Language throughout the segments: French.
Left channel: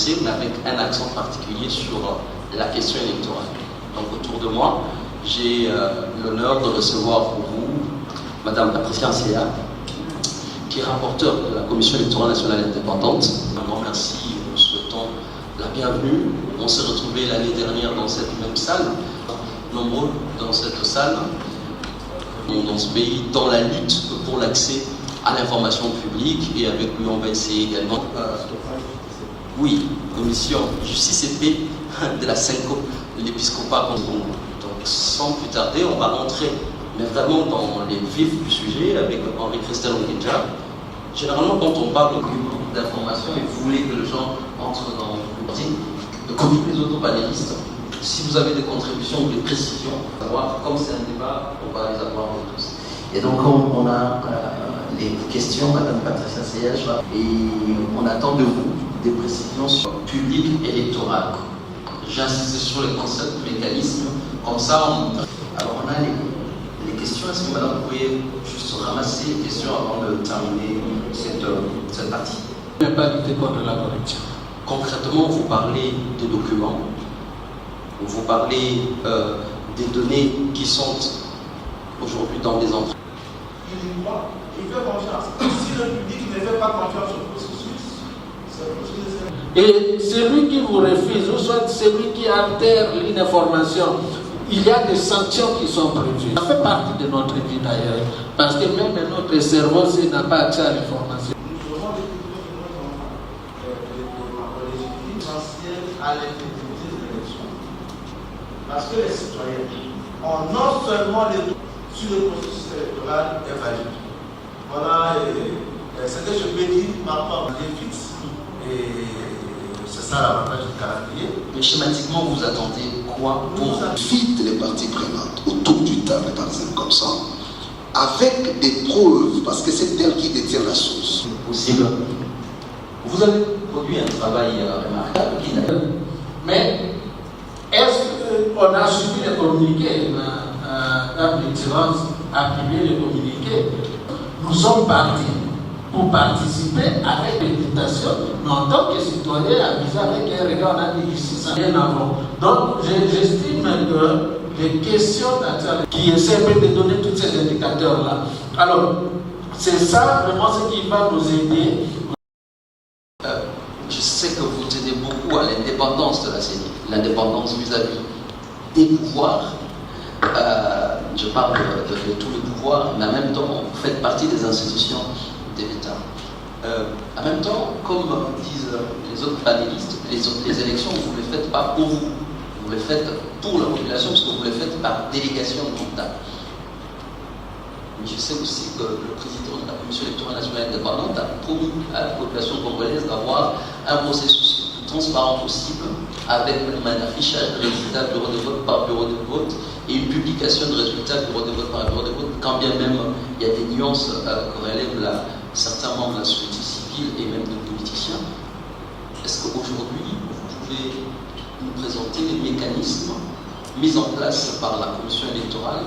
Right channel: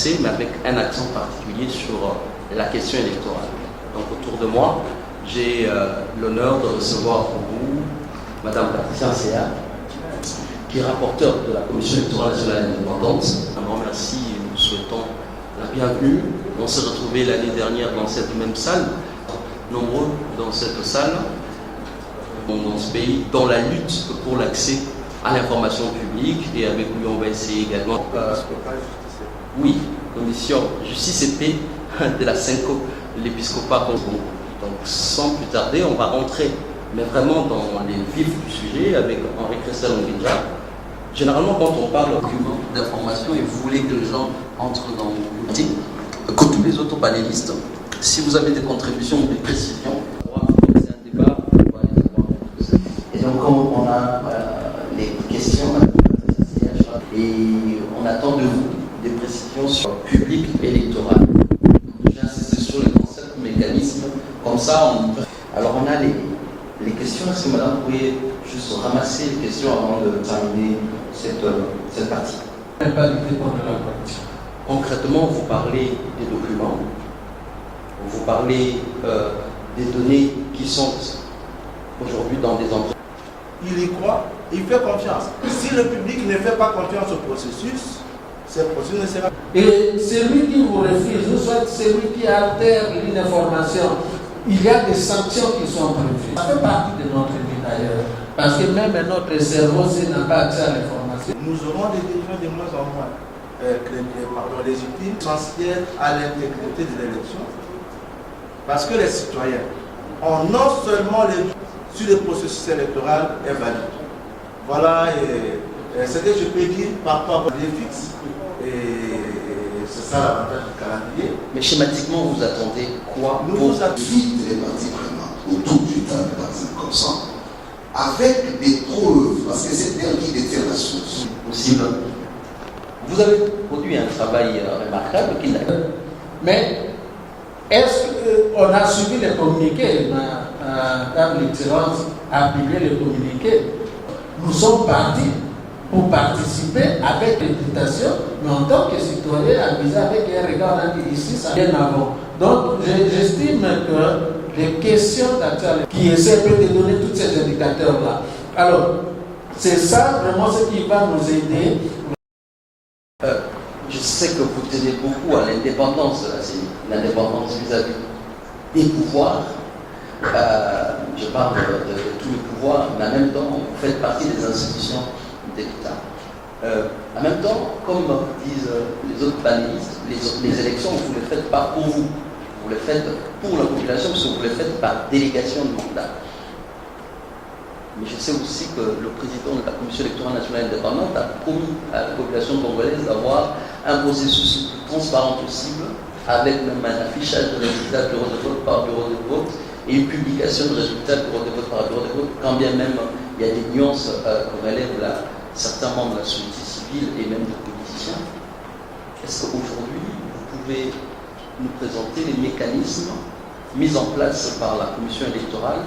l'accès, mais avec un accent particulier sur la question électorale. Donc autour de moi, j'ai l'honneur de recevoir pour vous Madame Patricia Seya, qui est rapporteure de la Commission électorale nationale indépendante. Un grand merci, nous souhaitons la bienvenue. On s'est retrouvés l'année dernière dans cette même salle, nombreux dans cette salle, dans ce pays, dans la lutte pour l'accès à l'information publique, et avec lui on va essayer également oui, commission justice et paix de la CENCO, l'épiscopat Congo. Donc sans plus tarder, on va rentrer mais vraiment dans les vifs du sujet avec Henri Christian Ongenja. Généralement quand on parle d'information et vous voulez que les gens entrent dans le meeting, comme tous les autres panélistes, si vous avez des contributions ou des précisions, comme c'est un débat, on va les avoir tous. Et donc on a les questions, Madame Patricia Seya, et on attend de vous des précisions sur le public électoral. J'insiste sur les concepts, mécanismes, comme ça alors on a les questions. Est-ce que Madame, vous pourriez juste ramasser les questions avant de terminer cette partie? Pas lutter contre la corruption. Concrètement, vous parlez des documents, vous parlez des données qui sont aujourd'hui dans des entreprises. Il y croit, il fait confiance. Si le public ne fait pas confiance au processus, ce processus ne sera pas. Et celui qui vous refuse, ou soit celui qui altère une information, il y a des sanctions qui sont prévues. Ça fait partie de notre vie d'ailleurs. Parce que même notre cerveau, s'il n'a pas accès à l'information. Nous aurons des défauts de moins en moins. Les outils essentiels à l'intégrité de l'élection. Parce que les citoyens ont non seulement les doutes sur le processus électoral est valide. Voilà ce que je peux dire par rapport aux défis. Et c'est ça l'avantage du calendrier. Mais schématiquement, vous attendez quoi pour vite les parties prenantes autour d'une table, par exemple, comme ça, avec des preuves, parce que c'est elle qui détient la source. Possible. Vous avez produit un travail remarquable qui n'a. Mais est-ce qu'on a suivi les communiqués? Table d'excellence a publié les communiqués. Nous sommes partis pour participer avec réputation, mais en tant que citoyen, avisé avec un regard, on a dit ici, ça vient avant. Donc, j'estime que les questions d'actualité qui essaient de donner tous ces indicateurs-là. Alors, c'est ça vraiment ce qui va nous aider. Je sais que vous tenez beaucoup à l'indépendance de la CENI, l'indépendance vis-à-vis des pouvoirs. Je parle de tous les pouvoirs, mais en même temps, vous faites partie des institutions de l'État. En même temps, comme disent les autres panélistes, les élections, vous ne les faites pas pour vous. Vous les faites pour la population, parce que vous les faites par délégation de mandat. Mais je sais aussi que le président de la Commission électorale nationale indépendante a promis à la population congolaise d'avoir un processus le plus transparent possible, avec un affichage de résultats bureau de vote par bureau de vote et une publication de résultats bureau de vote par bureau de vote, quand bien même il y a des nuances que relèvent certains membres de la société civile et même de politiciens. Est-ce qu'aujourd'hui, vous pouvez nous présenter les mécanismes mis en place par la Commission électorale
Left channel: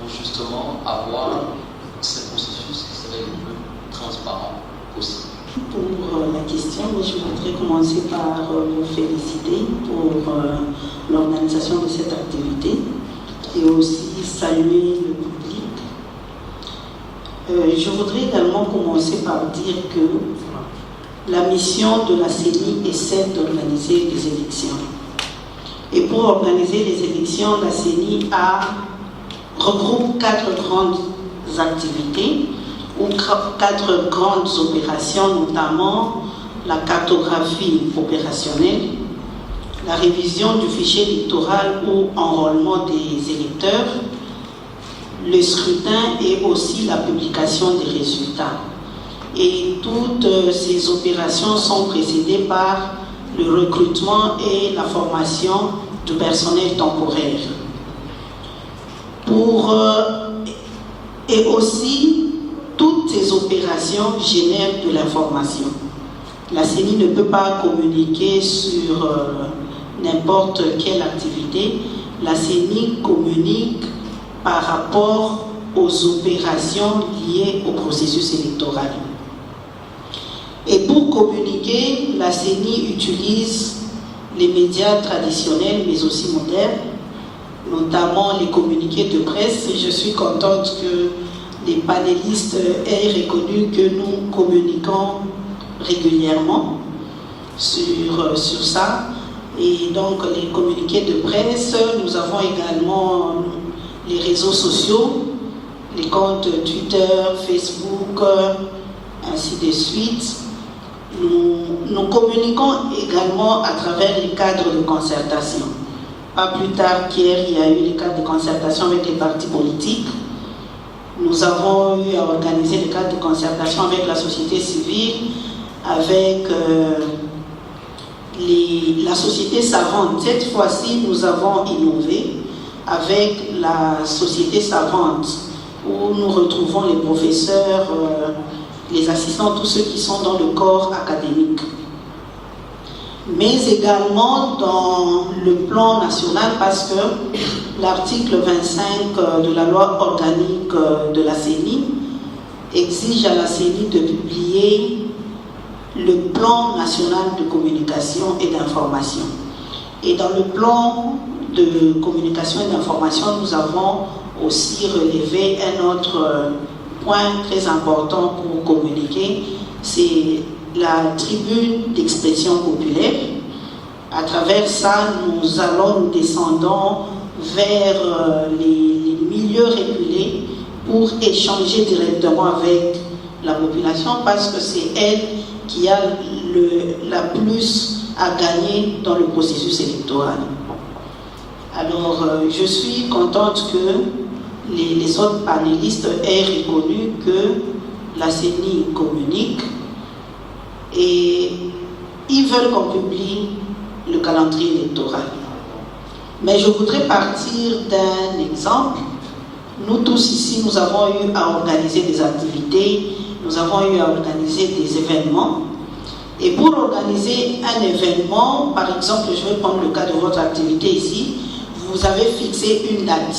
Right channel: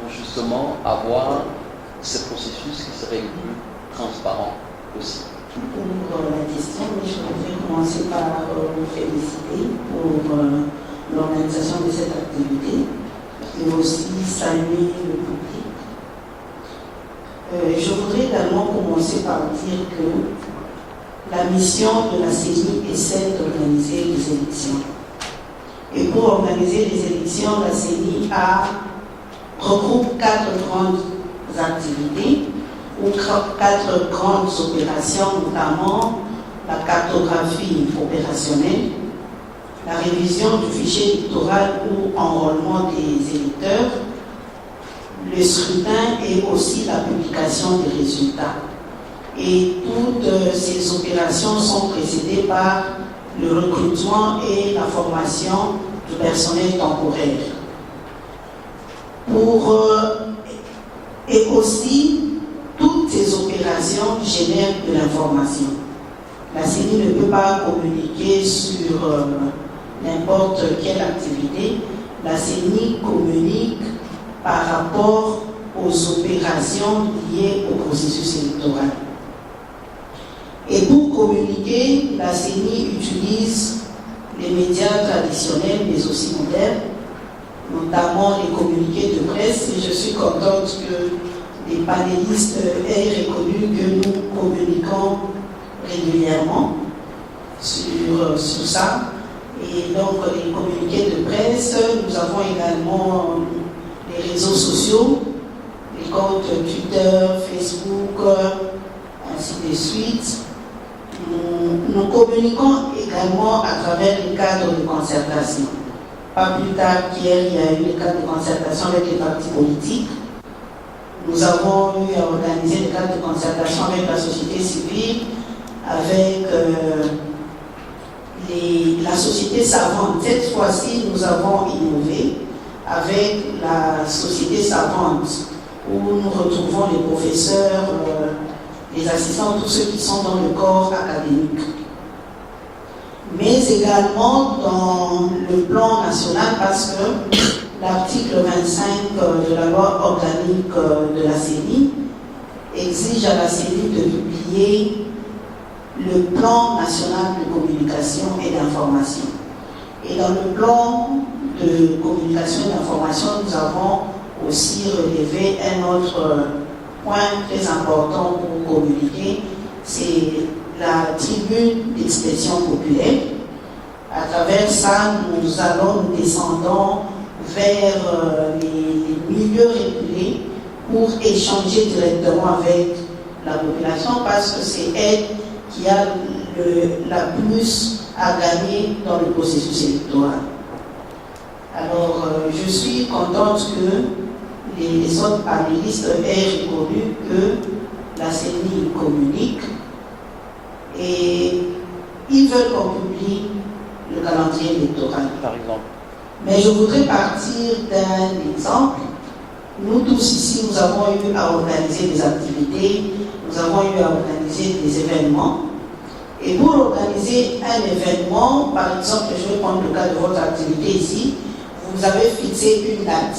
pour justement avoir ce processus qui serait le plus transparent possible? Pour la question, je voudrais commencer par vous féliciter pour l'organisation de cette activité et aussi saluer le public. Je voudrais également commencer par dire que la mission de la CENI est celle d'organiser les élections. Et pour organiser les élections, la CENI regroupe 4 grandes activités ou 4 grandes opérations, notamment la cartographie opérationnelle, la révision du fichier électoral ou enrôlement des électeurs, le scrutin et aussi la publication des résultats. Et toutes ces opérations sont précédées par le recrutement et la formation du personnel temporaire. Et aussi, toutes ces opérations génèrent de l'information. La CENI ne peut pas communiquer sur n'importe quelle activité. La CENI communique par rapport aux opérations liées au processus électoral. Et pour communiquer, la CENI utilise les médias traditionnels, mais aussi modernes, notamment les communiqués de presse. Et je suis contente que les panélistes aient reconnu que nous communiquons régulièrement sur ça. Et donc, les communiqués de presse, nous avons également les réseaux sociaux, les comptes Twitter, Facebook, ainsi de suite. Nous communiquons également à travers les cadres de concertation. Pas plus tard qu'hier, il y a eu les cadres de concertation avec les partis politiques. Nous avons eu à organiser les cadres de concertation avec la société civile, avec la société savante. Cette fois-ci, nous avons innové avec la société savante, où nous retrouvons les professeurs, les assistants, tous ceux qui sont dans le corps académique. Mais également dans le plan national, parce que l'article 25 de la loi organique de la CENI exige à la CENI de publier le plan national de communication et d'information. Et dans le plan de communication et d'information, nous avons aussi relevé un autre point très important pour communiquer, c'est la tribune d'expression populaire. À travers ça, nous descendons vers les milieux reculés pour échanger directement avec la population, parce que c'est elle qui a la plus à gagner dans le processus électoral. Alors, je suis contente que les autres panélistes aient reconnu que la CENI communique et ils veulent qu'on publie le calendrier électoral. Mais je voudrais partir d'un exemple. Nous tous ici, nous avons eu à organiser des activités, nous avons eu à organiser des événements. Et pour organiser un événement, par exemple, je vais prendre le cas de votre activité ici, vous avez fixé une date.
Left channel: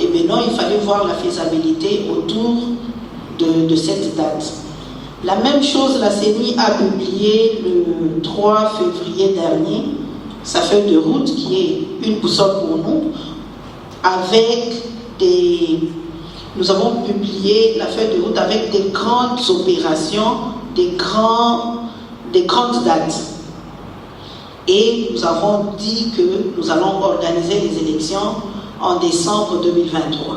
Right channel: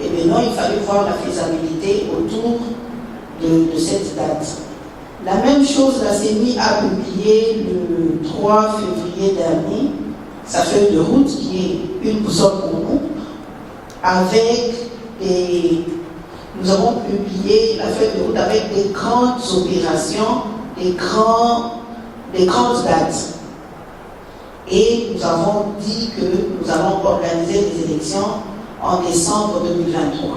Et maintenant, il fallait voir la faisabilité autour de cette date. La même chose, la CENI a publié le 3 février dernier sa feuille de route, qui est une boussole pour nous, avec nous avons publié la feuille de route avec des grandes opérations, des grandes dates. Et nous avons dit que nous allons organiser les élections en décembre 2023.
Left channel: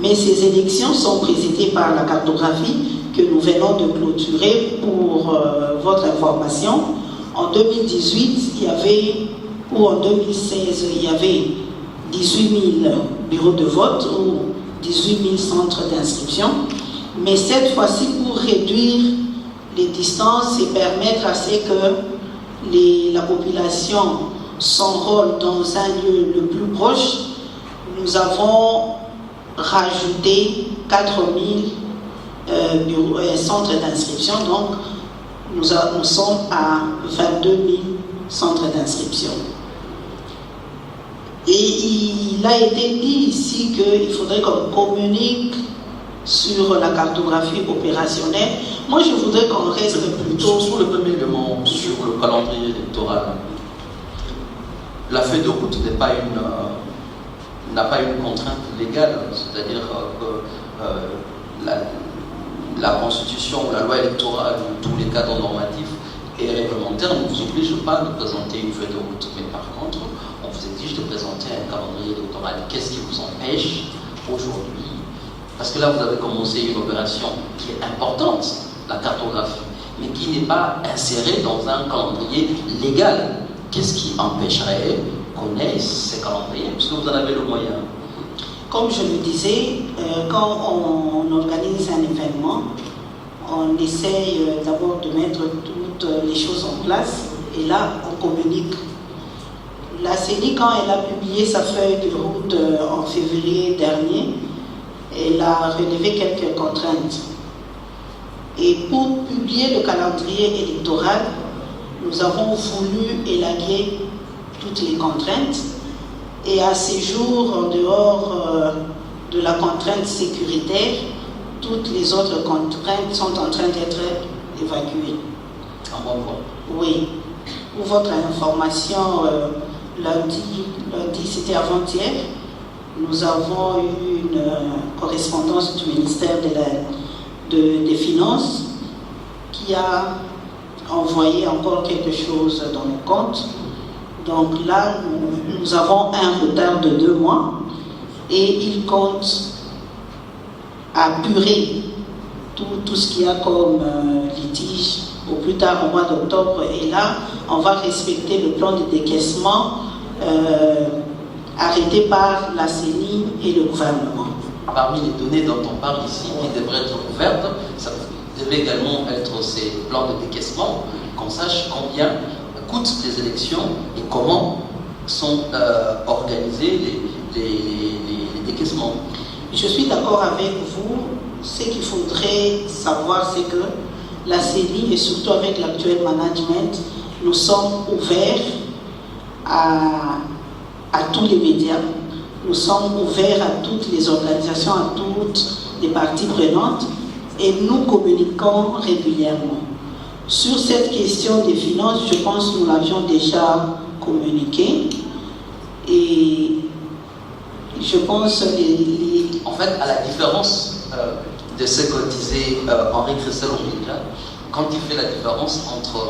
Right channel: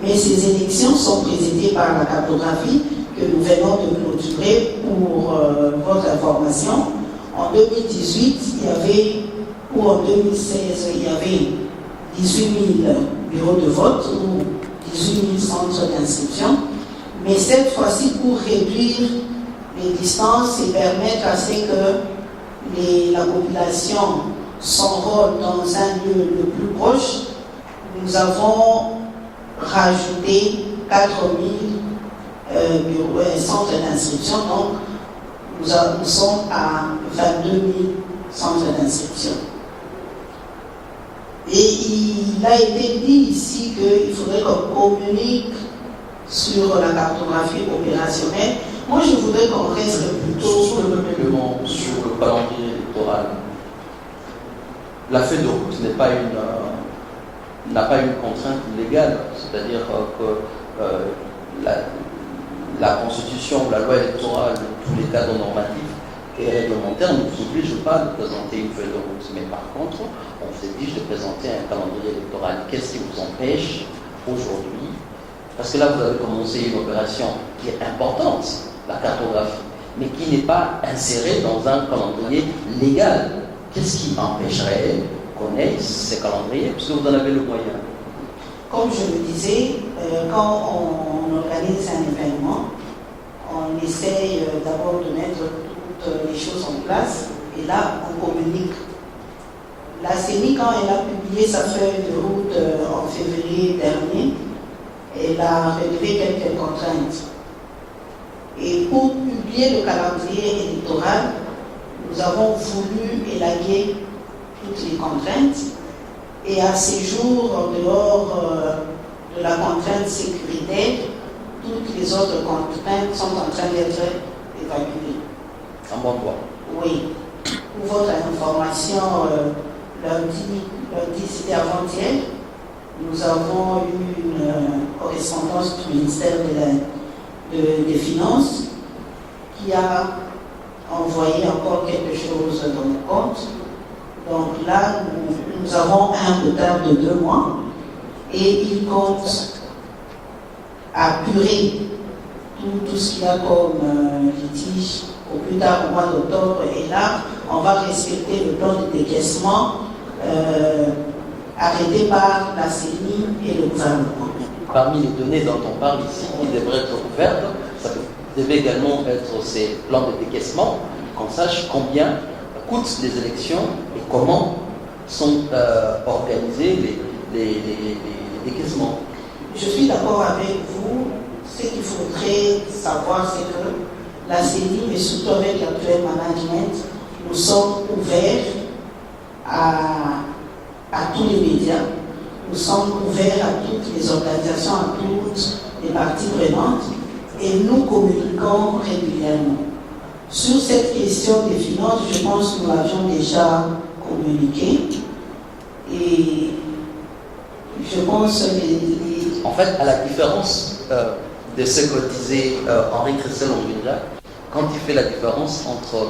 Mais ces élections sont présidées par la cartographie que nous venons de clôturer pour votre information. En 2018, ou en 2016, il y avait 18 000 bureaux de vote ou 18 000 centres d'inscription. Mais cette fois-ci, pour réduire les distances et permettre à ce que la population s'enrôle dans un lieu le plus proche, nous avons rajouté 4 000 centres d'inscription. Donc, nous sommes à 22 000 centres d'inscription. Et il a été dit ici qu'il faudrait qu'on communique sur la cartographie opérationnelle. Moi, je voudrais qu'on reste plutôt... Sur le même élément, sur le calendrier électoral, la feuille de route n'a pas une contrainte légale, c'est-à-dire que la Constitution, la loi électorale, tous les cadres normatifs et réglementaires ne vous obligent pas de présenter une feuille de route. Mais par contre, on vous exige de présenter un calendrier électoral. Qu'est-ce qui vous empêche aujourd'hui? Parce que là, vous avez commencé une opération qui est importante, la cartographie, mais qui n'est pas insérée dans un calendrier légal. Qu'est-ce qui empêcherait qu'on ait ces calendriers? Parce que vous en avez le moyen. Comme je le disais, quand on organise un événement, on essaye d'abord de mettre toutes les choses en place et là, on communique. La CENI, quand elle a publié sa feuille de route en février dernier, elle a relevé quelques contraintes. Et pour publier le calendrier électoral, nous avons voulu élaguer toutes les contraintes. Et à ces jours, en dehors de la contrainte sécuritaire, toutes les autres contraintes sont en train d'être évacuées. En bon bois. Oui. Pour votre information, lundi c'était avant-hier, nous avons eu une correspondance du ministère des Finances qui a envoyé encore quelque chose dans nos comptes. Donc là, nous avons un retard de 2 mois et il compte apurer tout ce qu'il y a comme litige au plus tard au mois d'octobre. Et là, on va respecter le plan de décaissement arrêté par la CENI et le gouvernement. Parmi les données dont on parle ici, qui devraient être ouvertes, ça devait également être ces plans de décaissement, qu'on sache combien coûtent les élections et comment sont organisés les décaissements. Je suis d'accord avec vous. Ce qu'il faudrait savoir, c'est que la CENI, et surtout avec l'actuel management, nous sommes ouverts à tous les médias. Nous sommes ouverts à toutes les organisations, à toutes les parties prenantes et nous communiquons régulièrement. Sur cette question des finances, je pense que nous l'avions déjà communiqué et je pense En fait, à la différence de ce que disait Henri Christel-Onguinja, quand il fait la différence entre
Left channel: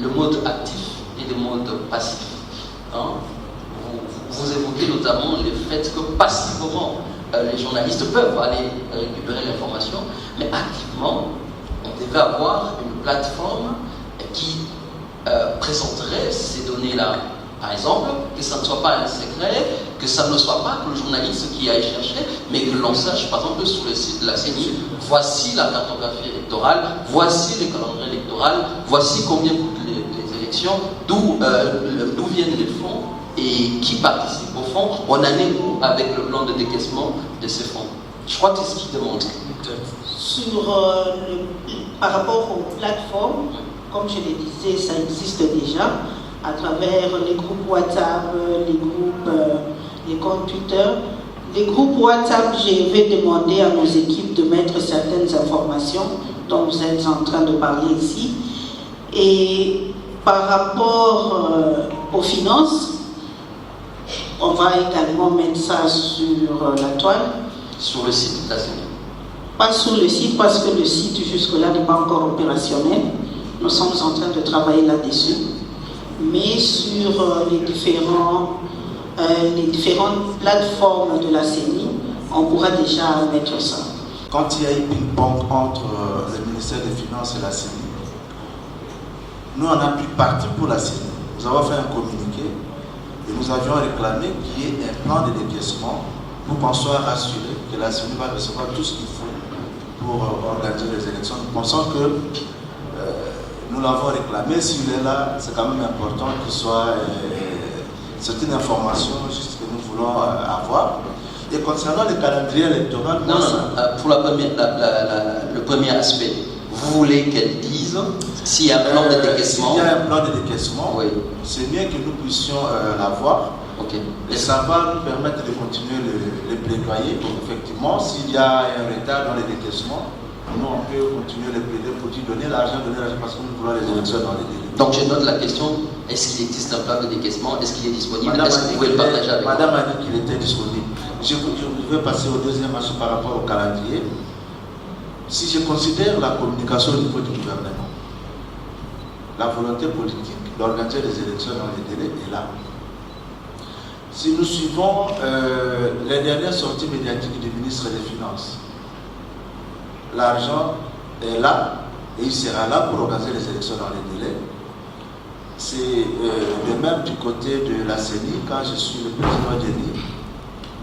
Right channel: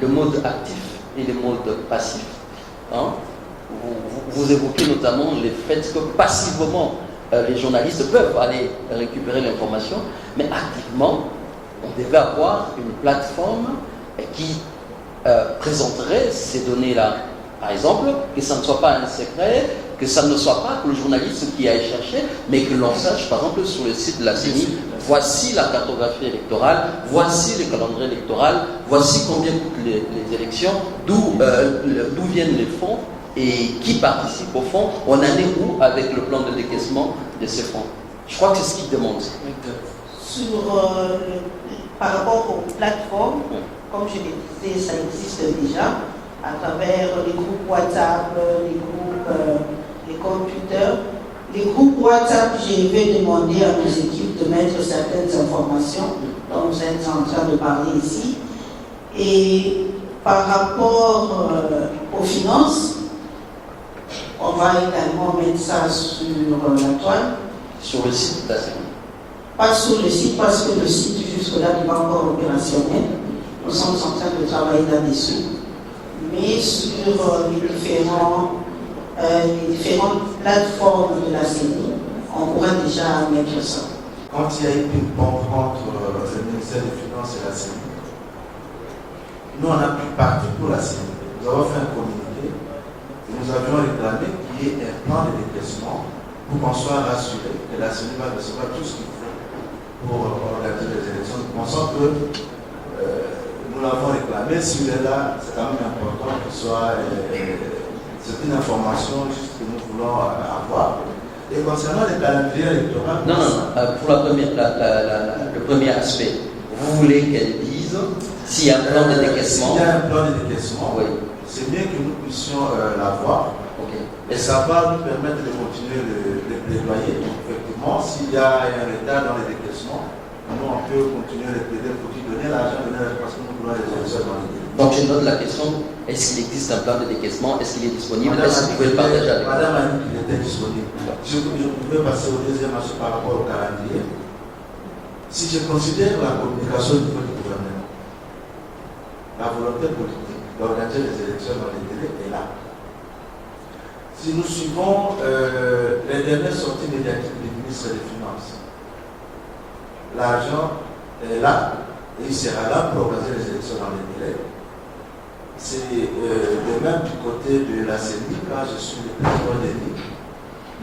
le mode actif et le mode passif, hein, vous évoquez notamment le fait que passivement, les journalistes peuvent aller récupérer l'information, mais activement, on devait avoir une plateforme qui présenterait ces données-là. Par exemple, que ça ne soit pas un secret, que ça ne soit pas que le journaliste qui aille chercher, mais que l'on sache, par exemple, sur le site de la CENI, voici la cartographie électorale, voici le calendrier électoral, voici combien coûtent les élections, d'où viennent les fonds et qui participe au fonds. On en est où avec le plan de décaissement de ces fonds? Je crois que c'est ce qui demande. Par rapport aux plateformes, comme je le disais, ça existe déjà à travers les groupes WhatsApp, les comptes Twitter. Les groupes WhatsApp, je vais demander à nos équipes de mettre certaines informations dont vous êtes en train de parler ici. Et par rapport aux finances, on va également mettre ça sur la toile. Sur le site de la CENI. Pas sur le site, parce que le site jusque-là n'est pas encore opérationnel. Nous sommes en train de travailler là-dessus. Mais sur les différentes plateformes de la CENI, on pourra déjà mettre ça. Quand il y a eu une ping-pong entre le ministère des Finances et la CENI, nous on a pris parti pour la CENI. Nous avons fait un communiqué et nous avions réclamé qu'il y ait un plan de décaissement pour qu'on soit rassuré que la CENI va recevoir tout ce qu'il faut pour organiser les élections. Nous pensons que nous l'avons réclamé, celui là, c'est quand même important qu'il soit c'est une information juste que nous voulons avoir. Et concernant le calendrier électoral, pour le premier aspect, vous voulez qu'elle dise s'il y a un plan de décaissement? S'il y a un plan de décaissement, oui. C'est bien que nous puissions l'avoir. Okay. Et ça va nous permettre de continuer le plaidoyer. Effectivement, s'il y a un retard dans les décaissements, nous on peut continuer le plaidoyer pour lui donner l'argent, parce que nous voulons les élections dans les délais. Donc je note la question, est-ce qu'il existe un plan de décaissement? Est-ce qu'il est disponible? Est-ce que vous pouvez le partager avec moi? Madame a dit qu'il était disponible. Je veux passer au deuxième aspect par rapport au calendrier. Si je considère la communication au niveau du gouvernement, la volonté politique d'organiser les élections dans les délais est là. Si nous suivons les dernières sorties médiatiques du ministre des Finances, l'argent est là et il sera là pour organiser les élections dans les délais. C'est de même du côté de la CENI, quand je suis le président Denis,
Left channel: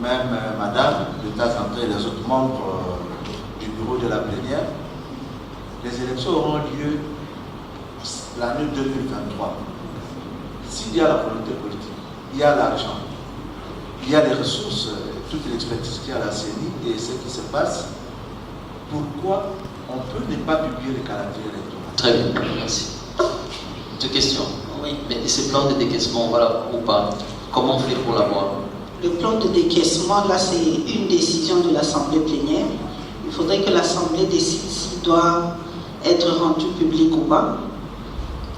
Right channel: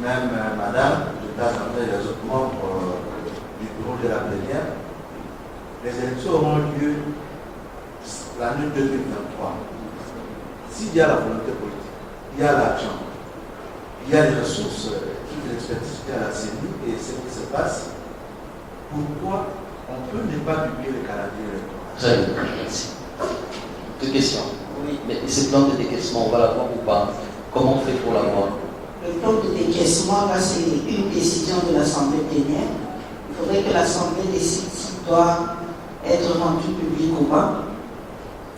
même madame, de temps en temps, les autres membres du bureau de la plénière, les élections auront lieu l'année 2023. S'il y a la volonté politique, il y a l'argent, il y a les ressources, toute l'expertise qu'il y a à la CENI et ce qui se passe, pourquoi on peut ne pas publier le calendrier électoral? Très bien, merci. Deux questions. Oui. Mais ce plan de décaissement, on va l'avoir ou pas? Comment on fait pour l'avoir? Le plan de décaissement, là, c'est une décision de l'Assemblée plénière. Il faudrait que l'Assemblée décide s'il doit être rendu public ou pas.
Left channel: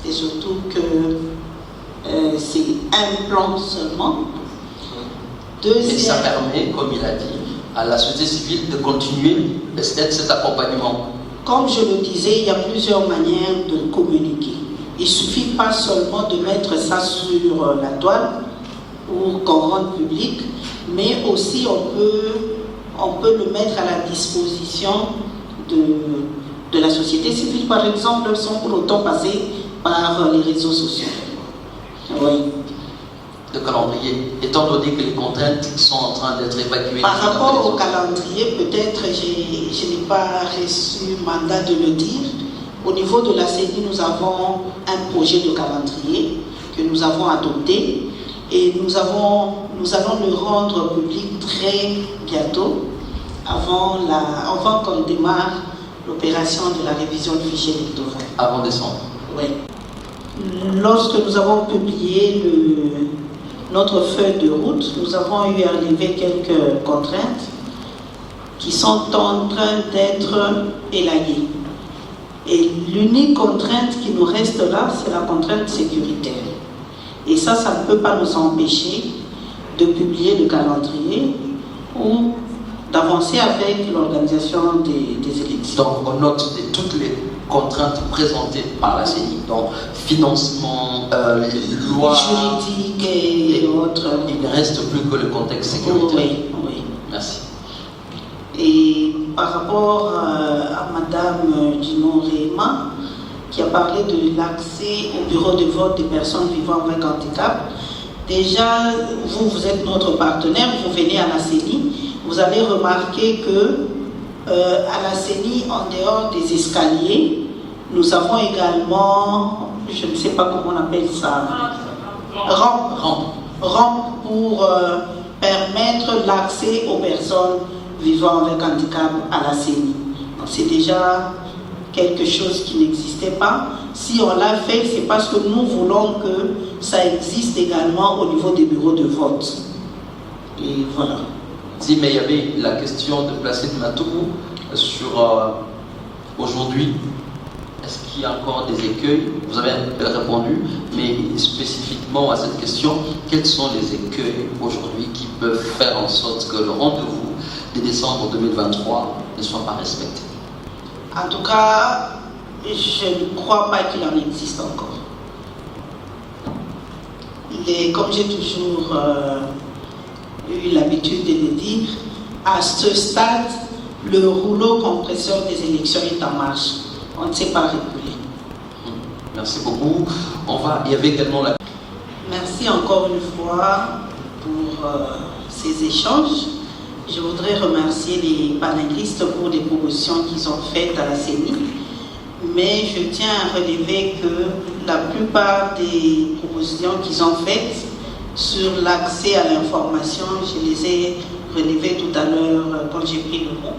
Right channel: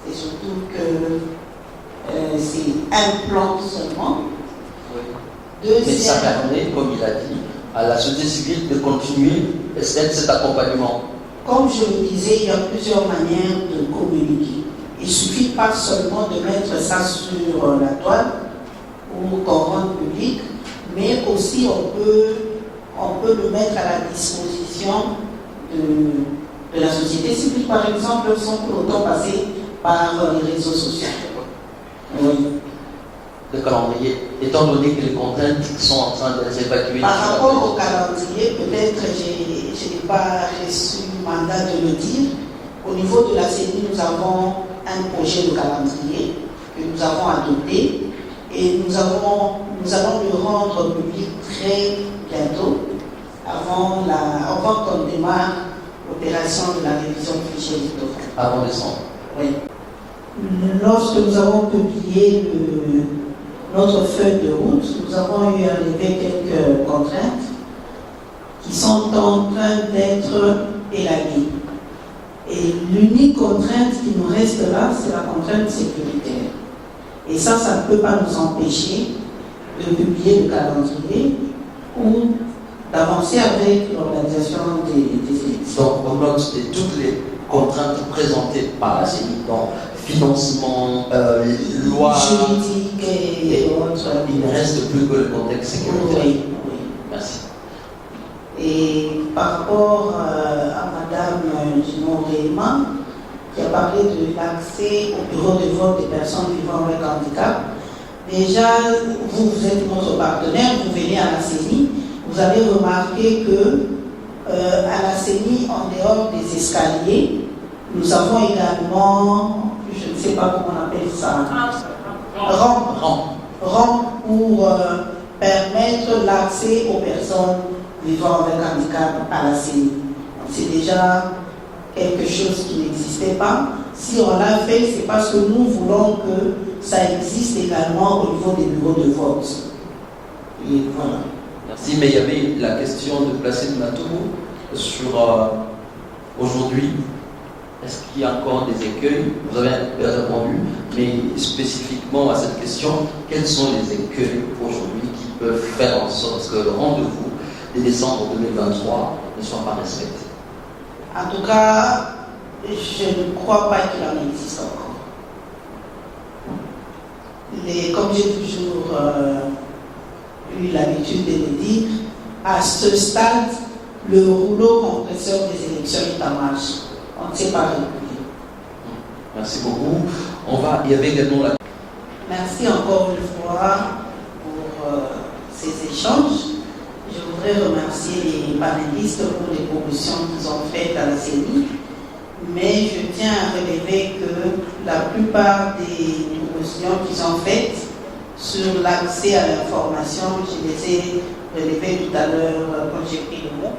et surtout que c'est un plan seulement. Mais ça permet, comme il a dit, à la société civile de continuer cet accompagnement. Comme je le disais, il y a plusieurs manières de communiquer. Il ne suffit pas seulement de mettre ça sur la toile pour qu'on rende public, mais aussi on peut le mettre à la disposition de la société civile, par exemple, sans pour autant passer par les réseaux sociaux. Oui. Le calendrier, étant donné que les contraintes sont en train d'être évacuées. Par rapport au calendrier, peut-être je n'ai pas reçu mandat de le dire. Au niveau de la CENI, nous avons un projet de calendrier que nous avons adopté et nous allons le rendre public très bientôt, avant qu'on démarre l'opération de la révision du fichier électoral. Avant décembre. Oui. Lorsque nous avons publié notre feuille de route, nous avons eu à lever quelques contraintes qui sont en train d'être élaguées. Et l'unique contrainte qui nous reste là, c'est la contrainte sécuritaire. Et ça ne peut pas nous empêcher de publier le calendrier ou d'avancer avec l'organisation des élections. Donc, on note toutes les contraintes présentées par la CENI, donc financement, loi, juridique et autres. Il ne reste plus que le contexte sécuritaire. Oui, oui. Merci. Et par rapport à Madame Dino-Réma, qui a parlé de l'accès au bureau de vote des personnes vivant avec handicap, déjà, vous êtes notre partenaire, vous venez à la CENI, vous allez remarquer que à la CENI, en dehors des escaliers, nous avons également, je ne sais pas comment on appelle ça, rampe pour permettre l'accès aux personnes vivant avec handicap à la CENI. C'est déjà quelque chose qui n'existait pas. Si on l'a fait, c'est parce que nous voulons que ça existe également au niveau des bureaux de vote. Et voilà. Merci, mais il y avait la question de placer Matou sur aujourd'hui. Est-ce qu'il y a encore des écueils? Vous avez répondu, mais spécifiquement à cette question, quels sont les écueils aujourd'hui qui peuvent faire en sorte que le rendez-vous de décembre 2023 ne soit pas respecté? En tout cas, je ne crois pas qu'il en existe encore. Comme j'ai toujours eu l'habitude de le dire, à ce stade, le rouleau compresseur des élections est en marche. On ne sait pas reculer. Merci beaucoup. Il y avait également la... Merci encore une fois pour ces échanges. Je voudrais remercier les panélistes pour les propositions qu'ils ont faites à la CENI. Mais je tiens à relever que la plupart des propositions qu'ils ont faites sur l'accès à l'information, je les ai relevées tout à l'heure quand j'ai pris le mot.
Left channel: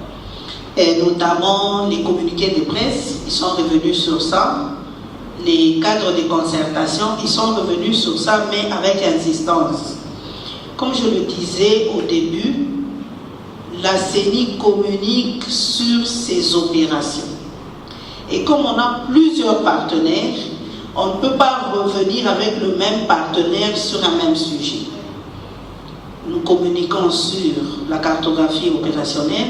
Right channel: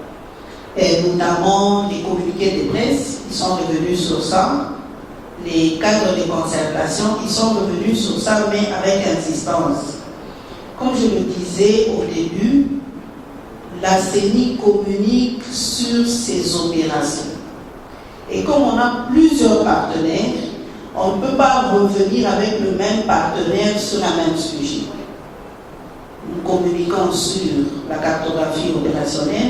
Et notamment les communiqués de presse, ils sont revenus sur ça. Les cadres de concertation, ils sont revenus sur ça, mais avec insistance. Comme je le disais au début, la CENI communique sur ses opérations. Et comme on a plusieurs partenaires, on ne peut pas revenir avec le même partenaire sur un même sujet. Nous communiquons sur la cartographie opérationnelle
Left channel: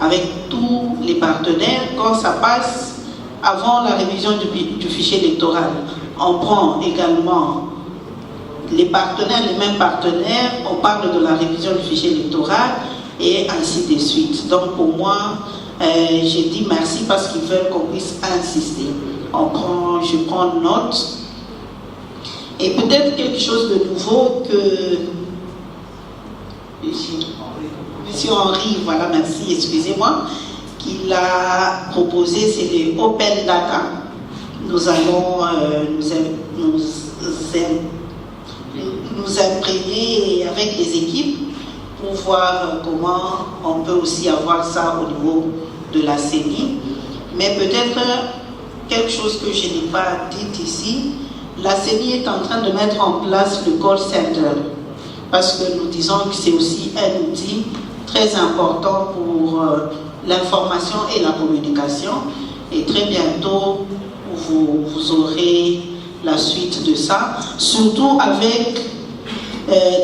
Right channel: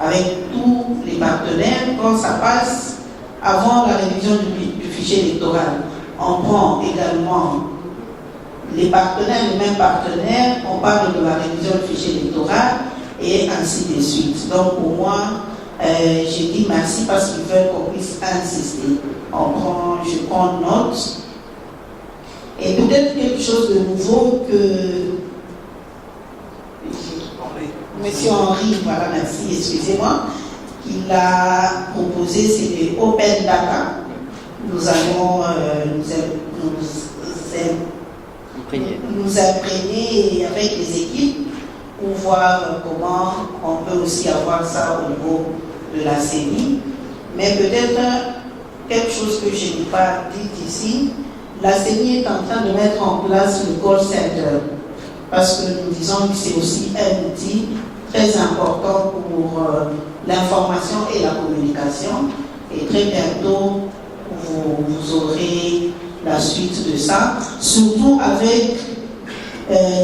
avec tous les partenaires. Quand ça passe avant la révision du fichier électoral, on prend également les partenaires, les mêmes partenaires, on parle de la révision du fichier électoral et ainsi de suite. Donc pour moi, j'ai dit merci parce qu'ils veulent qu'on puisse insister. Je prends note. Et peut-être quelque chose de nouveau que Monsieur Henri, voilà, merci, excusez-moi, qu'il a proposé, c'est les Open Data. Nous allons nous imprégner avec les équipes pour voir comment on peut aussi avoir ça au niveau de la CENI. Mais peut-être quelque chose que je n'ai pas dit ici, la CENI est en train de mettre en place le call center parce que nous disons que c'est aussi un outil très important pour l'information et la communication. Et très bientôt, vous aurez la suite de ça, surtout avec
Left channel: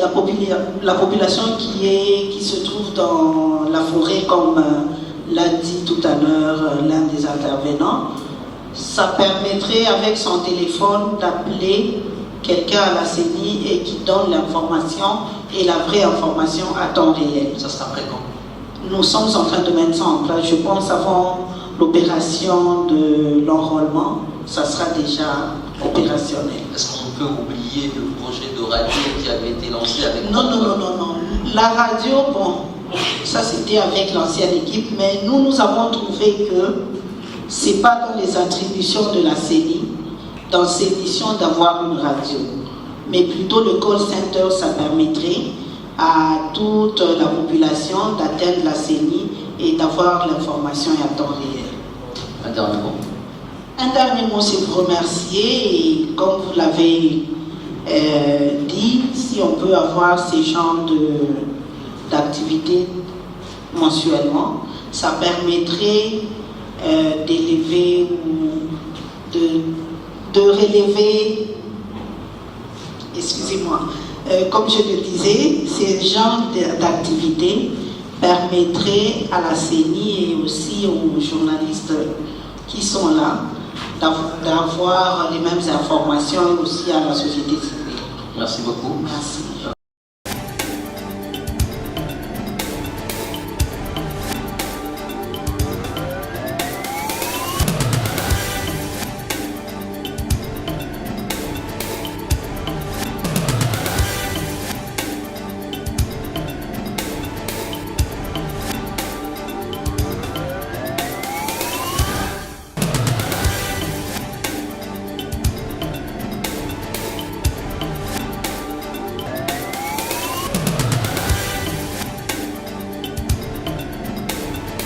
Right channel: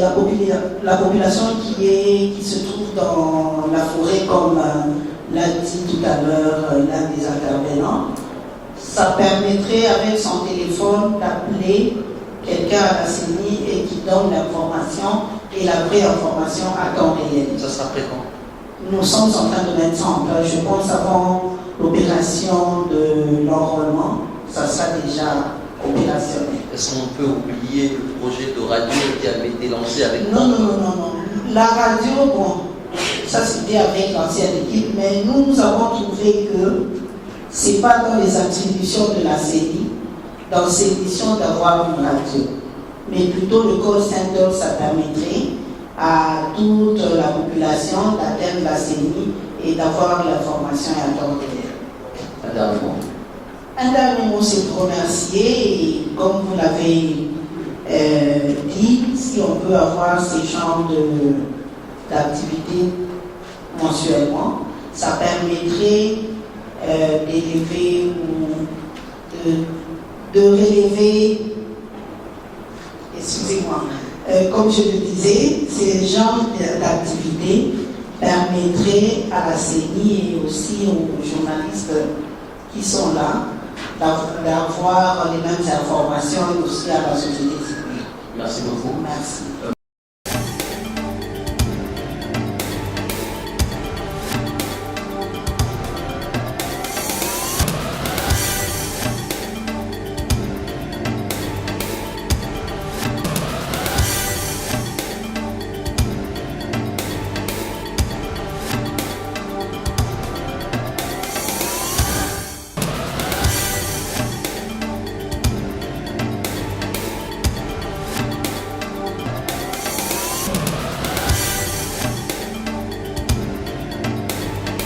la population qui se trouve dans la forêt, comme l'a dit tout à l'heure l'un des intervenants. Ça permettrait avec son téléphone d'appeler quelqu'un à la CENI et qui donne l'information et la vraie information à temps réel. Ça sera après quand? Nous sommes en train de mettre ça en place, je pense, avant l'opération de l'enrôlement, ça sera déjà opérationnel. Est-ce qu'on peut oublier le projet de radio qui avait été lancé avec... Non. La radio, bon, ça c'était avec l'ancienne équipe, mais nous avons trouvé que ce n'est pas dans les attributions de la CENI, dans ses missions d'avoir une radio. Mais plutôt le call center, ça permettrait à toute la population d'atteindre la CENI et d'avoir l'information à temps réel. Un dernier mot. Un dernier mot, c'est pour remercier, et comme vous l'avez dit, si on peut avoir ces genres d'activités mensuellement, ça permettrait d'élever ou de relever, excusez-moi, comme je le disais, ces genres d'activités permettraient à la CENI et aussi aux journalistes qui sont là d'avoir les mêmes informations aussi à la société civile. Merci beaucoup. Merci.